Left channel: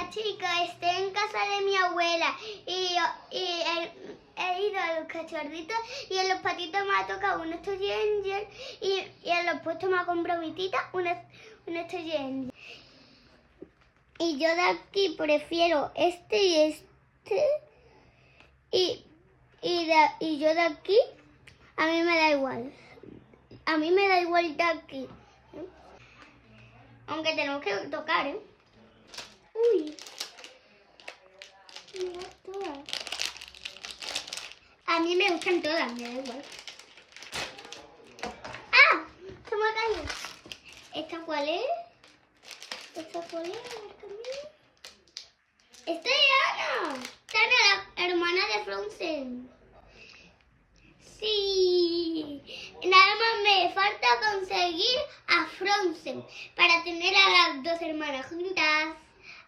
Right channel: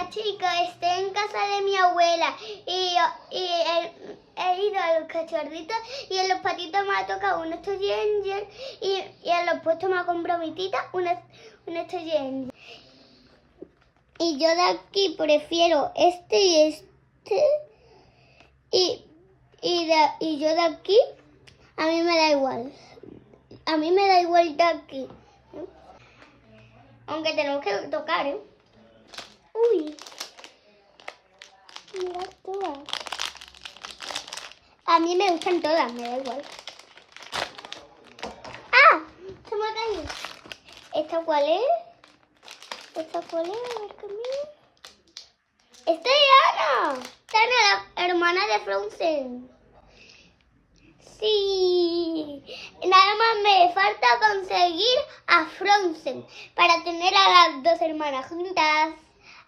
Hola chicos, estoy en casa de mi abuela y he ido a los cachorritos y en los patitos me ha tocado un Toy Angel y en los puestos me ha comprado mi tita un Toy Angel. Y yo de aquí prefiero este y este y yo de aquí a mí me da igual. A mí me da igual de aquí. Aunque tenemos que tocar, ¿eh? Uy. Mira todas. A mí me gustan todas, me da igual. ¡Ah! Se me ha caído. ¿Esta cuál es? ¿Esta cuál es? A ver conmigo. ¡Esta es Ana! ¡Esta es la hermana de Frozen! Sí. Nada más me falta conseguir a Frozen para tener a las dos hermanas juntas.